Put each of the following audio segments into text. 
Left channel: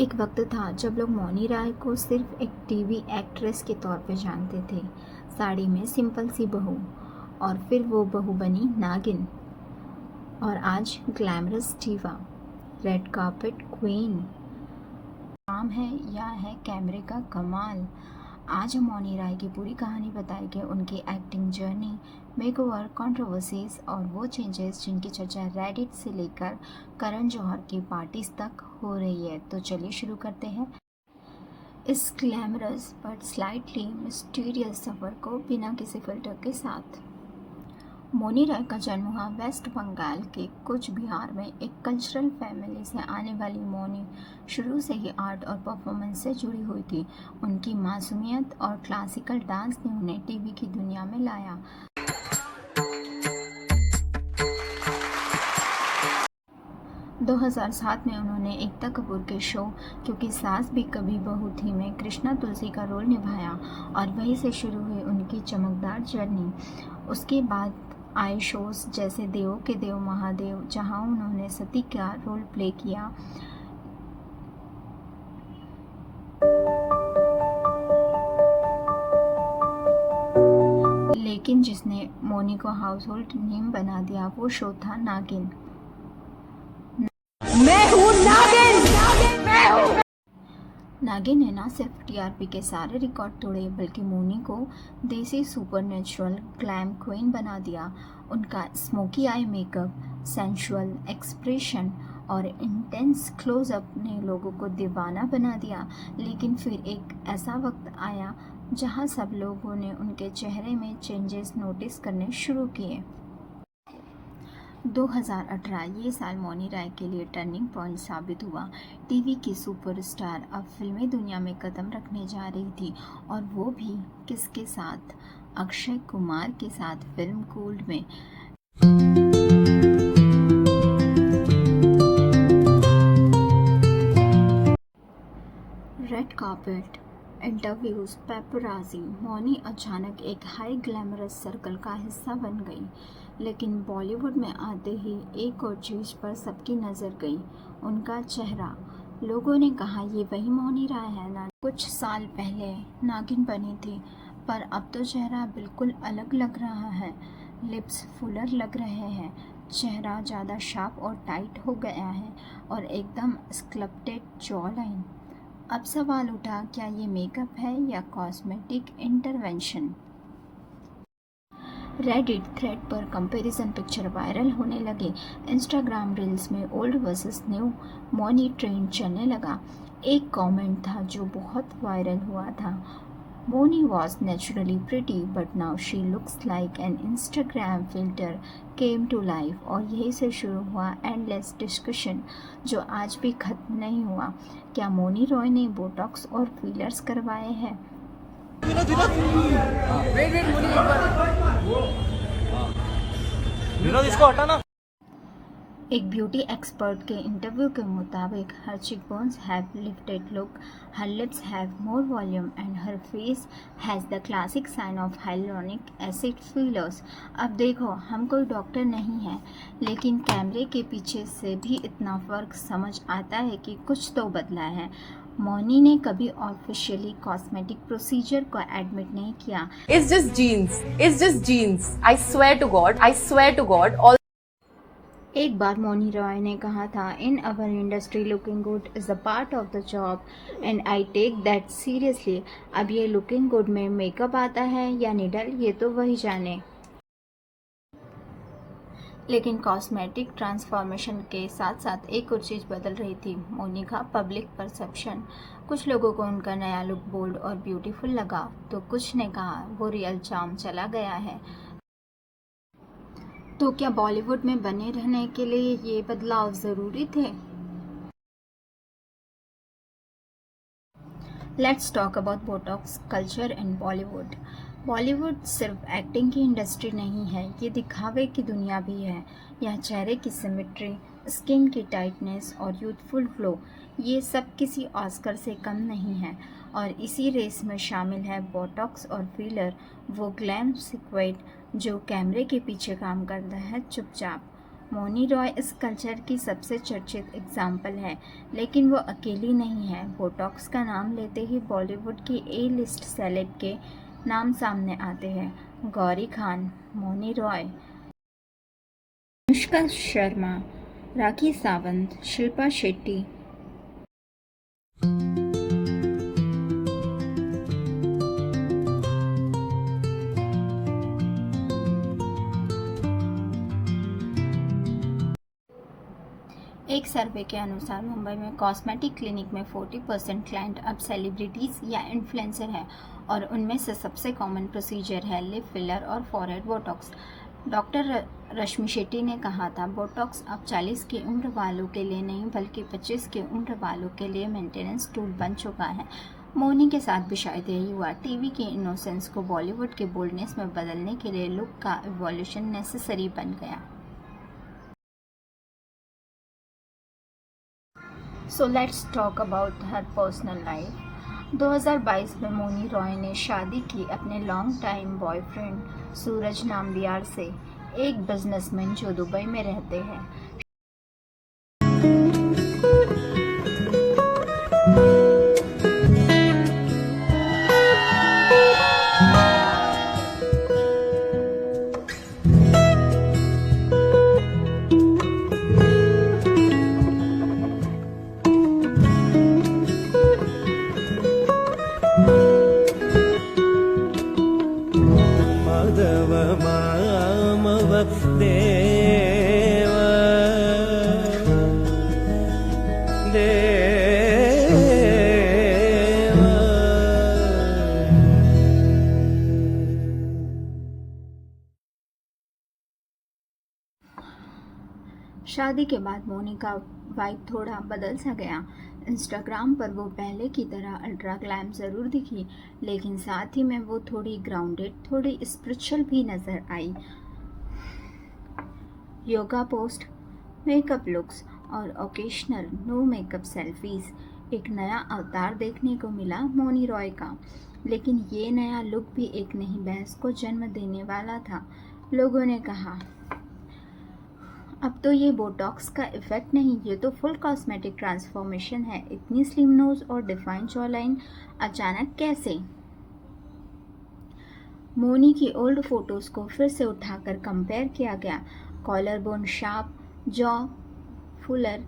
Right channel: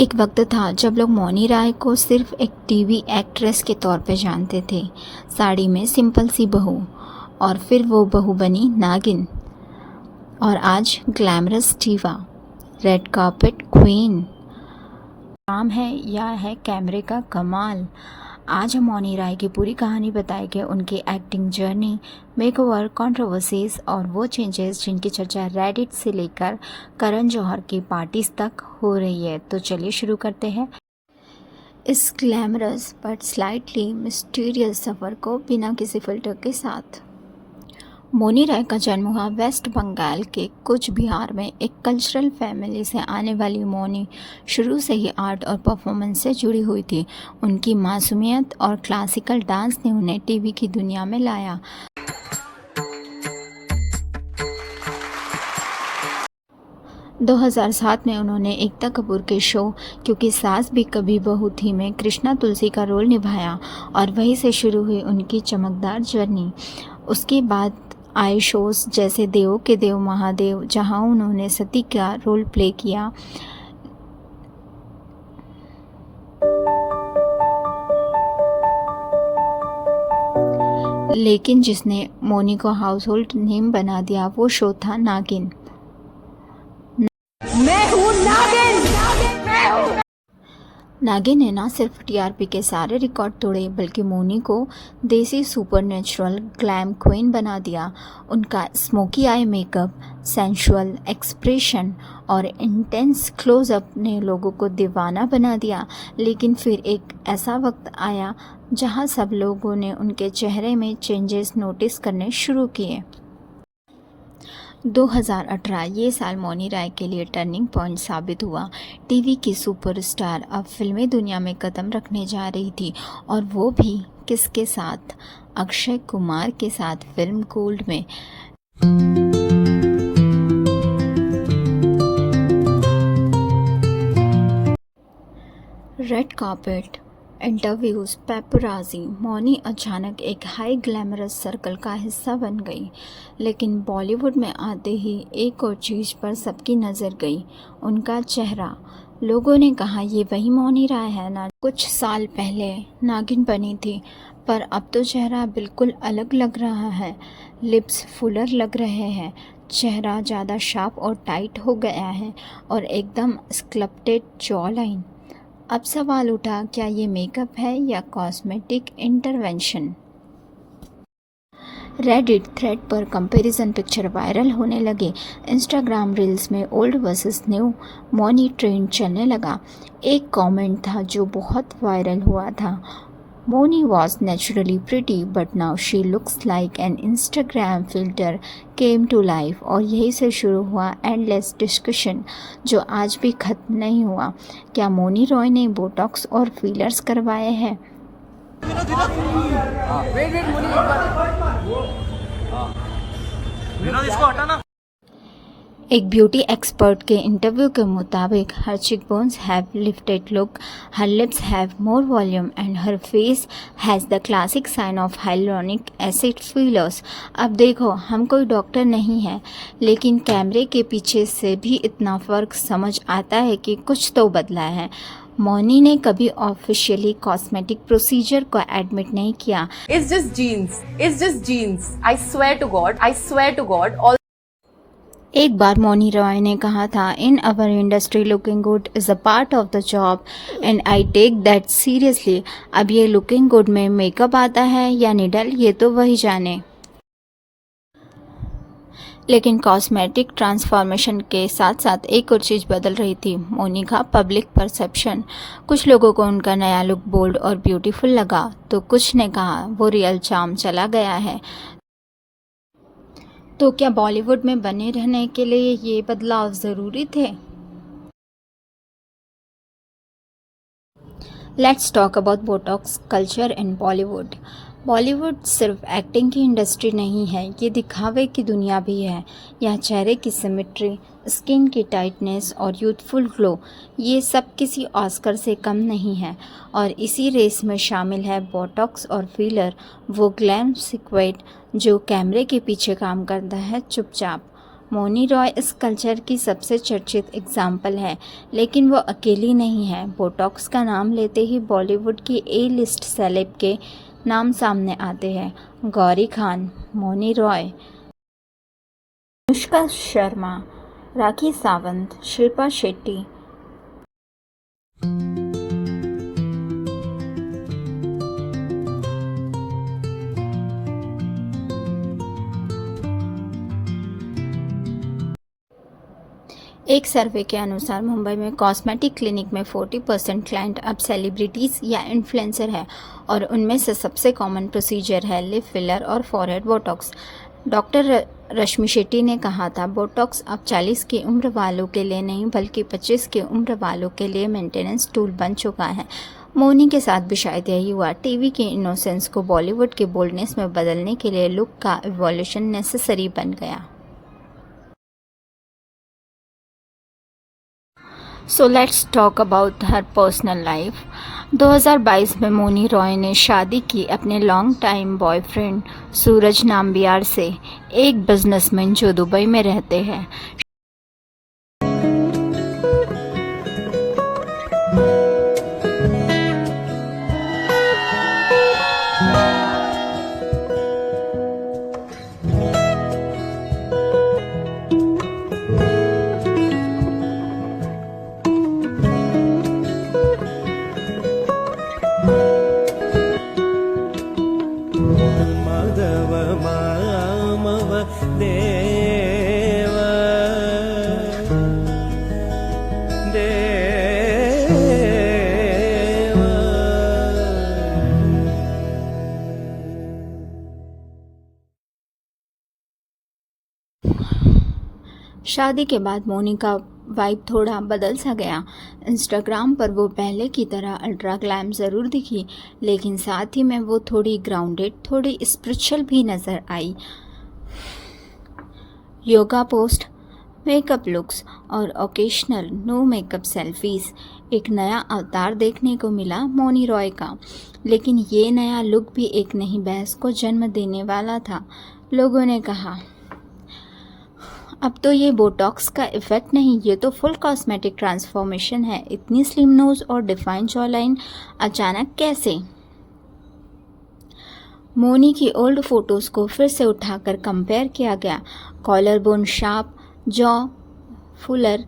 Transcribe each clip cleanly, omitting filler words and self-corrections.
एक वक्त था जब लोग मौनी राय को सिर्फ एक टीवी एक्ट्रेस के तौर पे जानते थे। साड़ी में सिंपल सी बहू, और फिर वो बहू बनी नागिन, और आज glamorous diva, red carpet queen. काम है या है कैमरे का कमाल। आज हम मौनी राय की पूरी कहानी बताएंगे, उनकी एक्टिंग जर्नी, मेकओवर, कंट्रोवर्सीज और वो चेंजेस जिनकी चर्चा रेडिट से लेकर करण जौहर की पार्टीज तक हो रही है। तो चलिए शुरू करते हैं इस ग्लैमरस बट स्लाइटली मिस्टीरियस सफ़र को बिना किसी फिल्टर के साथ। मौनी राय का जन्म हुआ वेस्ट बंगाल के कूच बिहार में। एक कल्चरल फैमिली से आने वाली मौनी शुरू से ही आर्ट और परफॉर्मेंस से जुड़ी हुई थी। उनकी मासूमियत और क्लासिकल डांस ने उन्हें टीवी की दुनिया में लाया। दो 2007 में उन्होंने एकता कपूर के शो क्योंकि सास भी कभी बहू थी में कृष्णा तुलसी का रोल निभाया, और वहीं से शुरू हुई उनकी चमकदार जर्नी। उसके बाद आए शोज़ जैसे देवों के देव महादेव, जहां उन्होंने सती का रोल प्ले किया। लेकिन जिसने मौनी को हाउस होल्ड नेम बना दिया वो शो था नागिन। मैं हूँ नागिन, मैं हूँ। नागिन ने ना सिर्फ टीआरपी के सारे रिकॉर्ड तोड़े, बल्कि मौनी को देसी सुपरनेचुरल ग्लैम क्वीन बना दिया। उनका smoky eye makeup, sensual expression और इंटेंस क्लोजअप ने लोगों को दीवाना बना दिया। लेकिन फिर एक ऐसा वक्त आया जहां सब लोगों ने उनके चेहरे में चेंजेस नोटिस करने शुरू किए। 2018 ये साल मौनी राय के लिए टर्निंग पॉइंट साबित हुआ। टीवी की सुपरस्टार अब फिल्मी दुनिया में कदम रखने जा रही थी, और वो भी किसके साथ? अक्षय कुमार के साथ फिल्म गोल्ड में। Red carpet, interviews, paparazzi, Mouni अचानक एक हाई ग्लैमरस सर्कल का हिस्सा बन गई। लेकिन बॉलीवुड में आते ही एक और चीज़ पर सबकी नज़र गई, उनका चेहरा। लोगों ने कहा ये वही मौनी राय है ना कुछ साल पहले नागिन बनी थी, पर अब तो चेहरा बिल्कुल अलग लग रहा है। लिप्स फुलर लग रहे हैं, चेहरा ज़्यादा शार्प और टाइट हो गया है, और एकदम स्कल्प्टेड जॉ लाइन। अब सवाल उठा, क्या ये मेकअप है या कॉस्मेटिक इंटरवेंशन? रेडिट थ्रेड पर कंपैरिजन पिक्चर वायरल होने लगे। इंस्टाग्राम रील्स में old versus new Mouni trend चलने लगा। एक कमेंट था जो बहुत वायरल हुआ था, Mauni was naturally pretty but now she looks like an Instagram filter came to life। और यही से शुरू हुआ एंडलेस डिस्कशन जो आज भी ख़त्म नहीं हुआ। क्या मौनी रॉय ने बोटॉक्स और फीलर्स करवाए हैं? इसको हटाना। एक ब्यूटी एक्सपर्ट के इंटरव्यू के मुताबिक हर cheekbones have lifted look, her lips have more volume and her face has the classic sign of hyaluronic acid fillers। अब देखो, हम कोई डॉक्टर नहीं है, लेकिन कैमरे के पीछे से भी इतना फ़र्क समझ आता है कि कुछ तो बदला है। मौनी ने कभी ऑफिशियली कॉस्मेटिक प्रोसीजर को एडमिट नहीं किया। It's just genes. It's just genes. I swear to God. I swear to God. All एक बार मौनी रॉय ने कहा था, in our industry looking good is a part of the job and I take that seriously. अब ये looking good में makeup आता है या निडल, ये तो वही जाने। लेकिन कॉस्मेटिक ट्रांसफॉर्मेशन के साथ साथ एक और चीज़ बदल रही थी, मौनी का पब्लिक परसेप्शन। कुछ लोगों को उनका नया लुक बोल्ड और ब्यूटीफुल लगा, तो कुछ ने कहा वो रियल चार्म चला गया है। तो क्या बॉलीवुड में बने रहने के लिए ये बदलाव ज़रूरी थे? Let's talk about Botox culture in Bollywood. Bollywood सिर्फ एक्टिंग की इंडस्ट्री नहीं है, ये दिखावे की दुनिया भी है। यहाँ चेहरे की सिमेट्री, स्किन की टाइटनेस और यूथफुल ग्लो, ये सब किसी ऑस्कर से कम नहीं है। और इसी रेस में शामिल है बोटॉक्स और फीलर, वो ग्लैम सीक्रेट जो कैमरे के पीछे काम करता है चुपचाप। मोनी रॉय इस कल्चर की सबसे चर्चित एग्जाम्पल है, लेकिन वो अकेली नहीं है। बोटॉक्स का नाम लेते ही बॉलीवुड की ए लिस्ट सेलेब के नाम सामने आते हैं। गौरी खान, मोनी रॉय, अनुष्का शर्मा, राखी सावंत, शिल्पा शेट्टी। एक सर्वे के अनुसार मुंबई में कॉस्मेटिक क्लिनिक में 40% क्लाइंट अब सेलिब्रिटीज़ या इन्फ्लुएंसर है और उनमें से सबसे कॉमन प्रोसीजर है लिप फिलर और फॉरहेड बोटॉक्स। डॉक्टर रश्मि शेट्टी ने कहा था, बोटॉक्स अब 40 की उम्र वालों के लिए नहीं बल्कि 25 की उम्र वालों के लिए मेंटेनेंस टूल बन चुका है। मोनी के साथ भी शायद यही हुआ। टीवी की इनोसेंस को बॉलीवुड के बोल्डनेस में बदलने के लिए लुक का इवोल्यूशन नेसेसरी बन गया। So let's talk about her personal life. 2022 में मोनी रॉय ने शादी की अपने लॉन्ग टाइम बॉयफ्रेंड सूरज नाम्बियार से, एक बिजनेसमैन जो दुबई में रहते हैं। माधव मामव देव देव। शादी के बाद मोनी का वाइब थोड़ा बदल सा गया। इंस्टाग्राम पर वो पहले की तरह अल्ट्रा ग्लैम ज़रूर दिखी, लेकिन साथ ही में वो थोड़ी ग्राउंडेड, थोड़ी स्पिरिचुअल भी नज़र आई। योगा पोस्ट, मेकअप लुक्स और ओकेशनल नो मेकअप सेल्फीज़, एक नया अवतार देखने को मिला मोनी रॉय का। लेकिन ये नया लुक भी एक नई बहस को जन्म देने वाला था। लोगों ने कहा, अब तो ये बोटॉक्स का इफ़ेक्ट नहीं, ये तो फुल कॉस्मेटिक ट्रांसफॉर्मेशन है। इतनी स्लिम नोज़ और डिफाइन जॉलाइन अचानक कैसे? मोनी की ओल्ड फोटोज़ को फिर से उठाकर कंपेयर किया गया। Collar bone sharp, jaw fuller,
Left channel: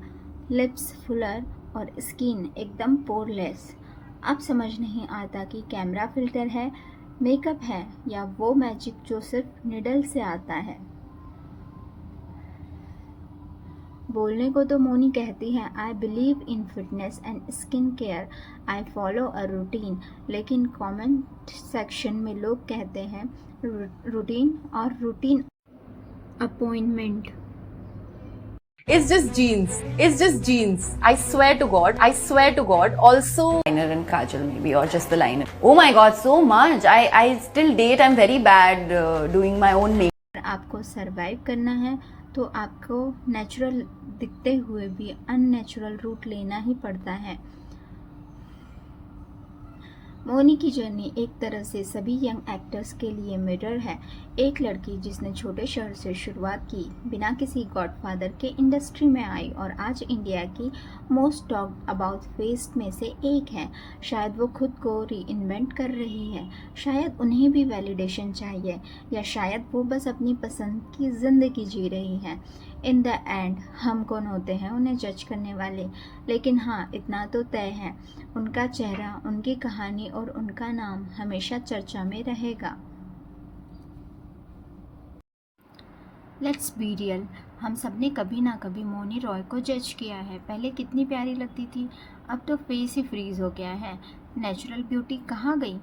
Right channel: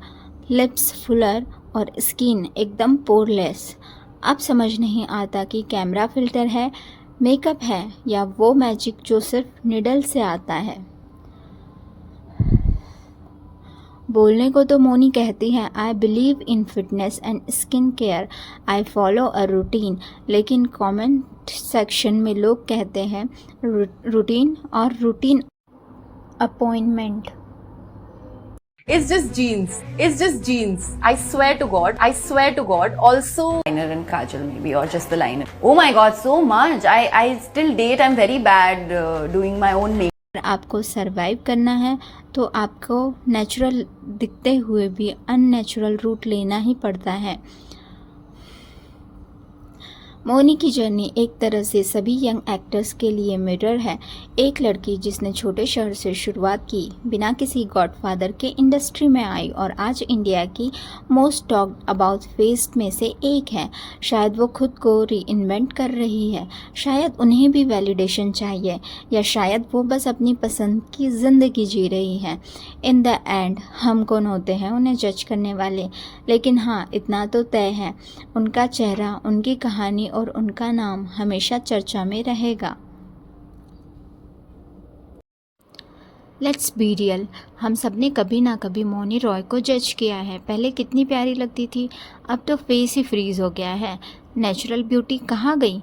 lips fuller और स्किन एकदम पोरलेस। अब समझ नहीं आता कि कैमरा फिल्टर है, मेकअप है या वो मैजिक जो सिर्फ निडल से आता है। बोलने को तो मोनी कहती हैं, I believe in fitness and skin care, I follow a routine, लेकिन कमेंट सेक्शन में लोग कहते हैं रूटीन और routine appointment. It's just jeans. It's just jeans. I swear to God. I swear to God. Also, liner and kajal maybe, or just the liner. Oh my God, so much. I still date. I'm very bad doing my own makeup. आपको survive करना है तो आपको natural दिखते हुए भी unnatural root लेना ही पड़ता है। मोनी की जर्नी एक तरह से सभी यंग एक्टर्स के लिए मिरर है। एक लड़की जिसने छोटे शहर से शुरुआत की, बिना किसी गॉडफादर के इंडस्ट्री में आई और आज इंडिया की मोस्ट टॉक्ड अबाउट फेस में से एक है। शायद वो खुद को री-इन्वेंट कर रही है, शायद उन्हें भी वैलिडेशन चाहिए, या शायद वो बस अपनी पसंद की ज़िंदगी जी रही है। इन द एंड हम कौन होते हैं उन्हें जज करने वाले, लेकिन हाँ इतना तो तय है, उनका चेहरा, उनकी कहानी और उनका नाम हमेशा चर्चा में रहेगा। लेट्स बी रियल, हम सब ने कभी ना कभी मोनी रॉय को जज किया है। पहले कितनी प्यारी लगती थी, अब तो फेस ही फ्रीज हो गया है। नेचुरल ब्यूटी कहाँ गई?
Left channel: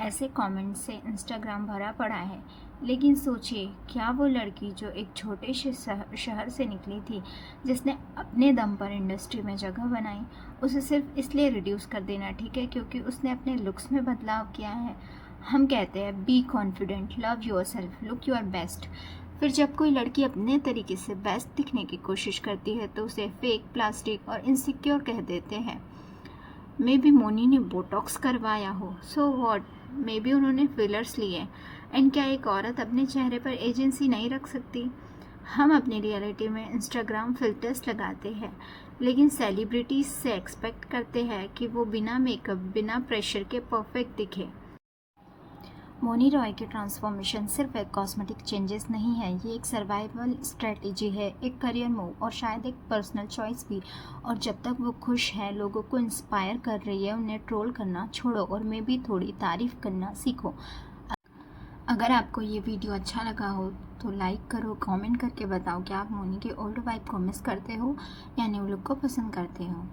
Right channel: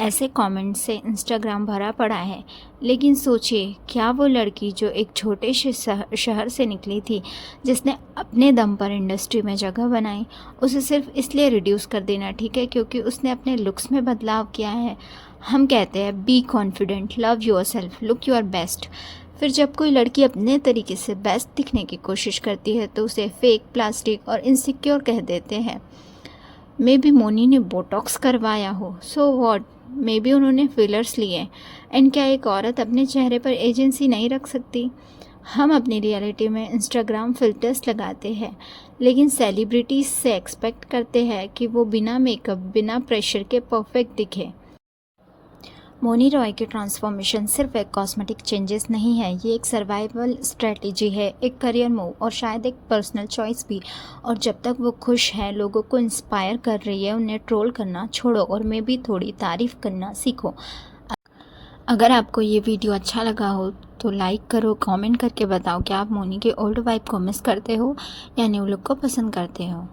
ऐसे कमेंट्स से इंस्टाग्राम भरा पड़ा है। लेकिन सोचिए, क्या वो लड़की जो एक छोटे से शहर से निकली थी, जिसने अपने दम पर इंडस्ट्री में जगह बनाई, उसे सिर्फ इसलिए रिड्यूस कर देना ठीक है क्योंकि उसने अपने लुक्स में बदलाव किया है? हम कहते हैं be confident, love your self, look your best. फिर जब कोई लड़की अपने तरीके से बेस्ट दिखने की कोशिश करती है तो उसे फेक, प्लास्टिक और इनसिक्योर कह देते हैं। मे बी मोनी ने बोटॉक्स करवाया हो, सो व्हाट, मे बी उन्होंने फिलर्स लिए, एंड क्या एक औरत अपने चेहरे पर एजेंसी नहीं रख सकती? हम अपनी रियलिटी में इंस्टाग्राम फ़िल्टर्स लगाते हैं, लेकिन सेलिब्रिटीज़ से एक्सपेक्ट करते हैं कि वो बिना मेकअप, बिना प्रेशर के परफेक्ट दिखे। मौनी रॉय की ट्रांसफॉर्मेशन सिर्फ एक कॉस्मेटिक चेंजेस नहीं है, ये एक सर्वाइवल स्ट्रेटजी है, एक करियर मूव और शायद एक पर्सनल चॉइस भी। और जब तक वो खुश है, लोगों को इंस्पायर कर रही है, उन्हें ट्रोल करना छोड़ो और मैं भी थोड़ी तारीफ़ करना सीखो। अगर आपको ये वीडियो अच्छा लगा हो तो लाइक करो, कमेंट करके बताओ कि आप मौनी के ओल्ड वाइब को मिस करते हो या न्यू लुक को पसंद करते हो।